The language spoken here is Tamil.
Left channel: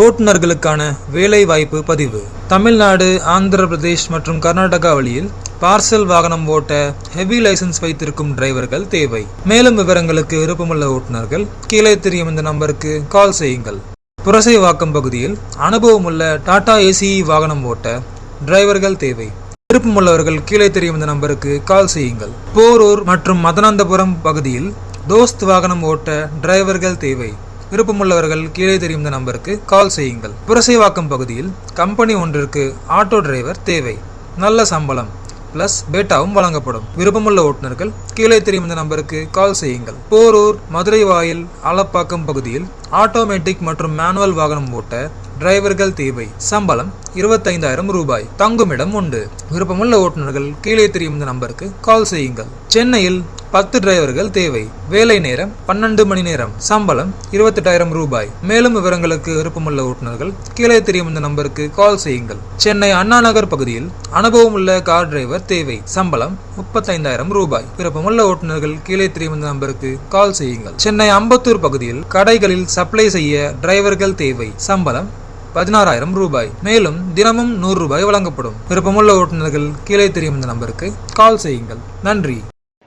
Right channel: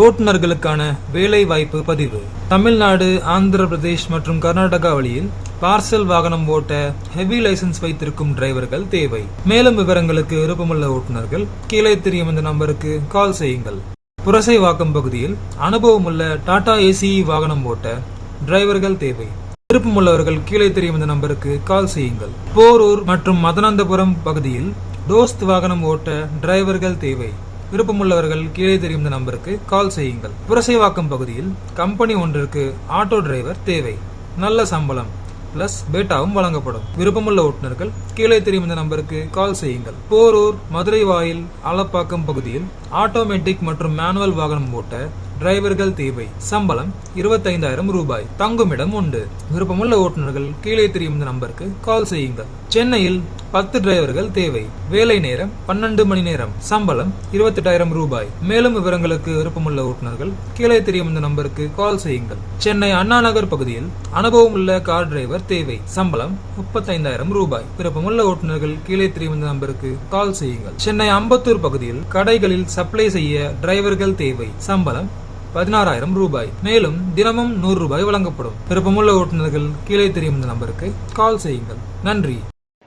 ஓட்டுநர்களுக்கான வேலைவாய்ப்பு பதிவு. தமிழ்நாடு ஆந்திர பிரதேஷ் மற்றும் கர்நாடகா வழியில் பார்சல் வாகனம் ஓட்ட ஹெவி லைசென்ஸ் வைத்திருக்கும் டிரைவர்கள் தேவை. மேலும் விவரங்களுக்கு விருப்பமுள்ள ஓட்டுநர்கள் கீழே தெரியும் இந்த நம்பருக்கு கால் செய்யுங்கள். புரசைவாக்கம் பகுதியில் அனுபவமுள்ள டாடா ஏசி வாகனம் ஓட்ட டிரைவர்கள் தேவை. விருப்பமுள்ளவர்கள் கீழே தெரியும் இந்த நம்பருக்கு கால் செய்யுங்கள். போரூர் மற்றும் மதனந்தபுரம் பகுதியில் தோஸ்த் வாகனம் ஓட்ட டிரைவர்கள் தேவை. விருப்பமுள்ளவர்கள் கீழே தெரியும் நம்பருக்கு கால் செய்யுங்கள். புரசைவாக்கம் பகுதியில் கம்பெனி ஒன்றிற்கு ஆட்டோ டிரைவர் தேவை. நல்ல சம்பளம் பிளஸ் பேட்டாவும் வழங்கப்படும். விருப்பமுள்ள ஓட்டுநர்கள் கீழே தெரியும் இந்த நம்பருக்கு கால் செய்யுங்கள். போரூர் மதுரை வாயில் ஆலப்பாக்கம் பகுதியில் ஆட்டோமேட்டிக் மற்றும் மேனுவல் வாகனம் ஓட்ட டிரைவர்கள் தேவை. சம்பளம் இருபத்தைந்தாயிரம் ரூபாய். தங்குமிடம் உண்டு. விருப்பமுள்ள ஓட்டுநர்கள் கீழே தெரியும் இந்த நம்பருக்கு கால் செய்யுங்கள். சென்னையில் பத்து டிரைவர்கள் தேவை. வேலை நேரம் பன்னெண்டு மணி நேரம். சம்பளம் இருபத்தெட்டாயிரம் ரூபாய். மேலும் விவரங்களுக்கு விருப்பமுள்ள ஓட்டுநர்கள் கீழே தெரியும் இந்த நம்பருக்கு கால் செய்யுங்கள். சென்னை அண்ணா நகர் பகுதியில் அனுபவம் உள்ள கார் டிரைவர் தேவை. சம்பளம் முப்பத்தைந்தாயிரம் ரூபாய். விருப்பமுள்ள ஓட்டுநர்கள் கீழே தெரியும் இந்த நம்பருக்கு கால் செய்யுங்கள். சென்னை அம்பத்தூர் பகுதியில் கடைகளில் சப்ளை செய்ய டிரைவர்கள் தேவை. சம்பளம் பதினாறாயிரம் ரூபாய். மேலும் தினமும் நூறு ரூபாய் வழங்கப்படும். விருப்பமுள்ள ஓட்டுநர்கள் கீழே தெரியும் இந்த நம்பருக்கு கால் செய்யுங்கள். நன்றி.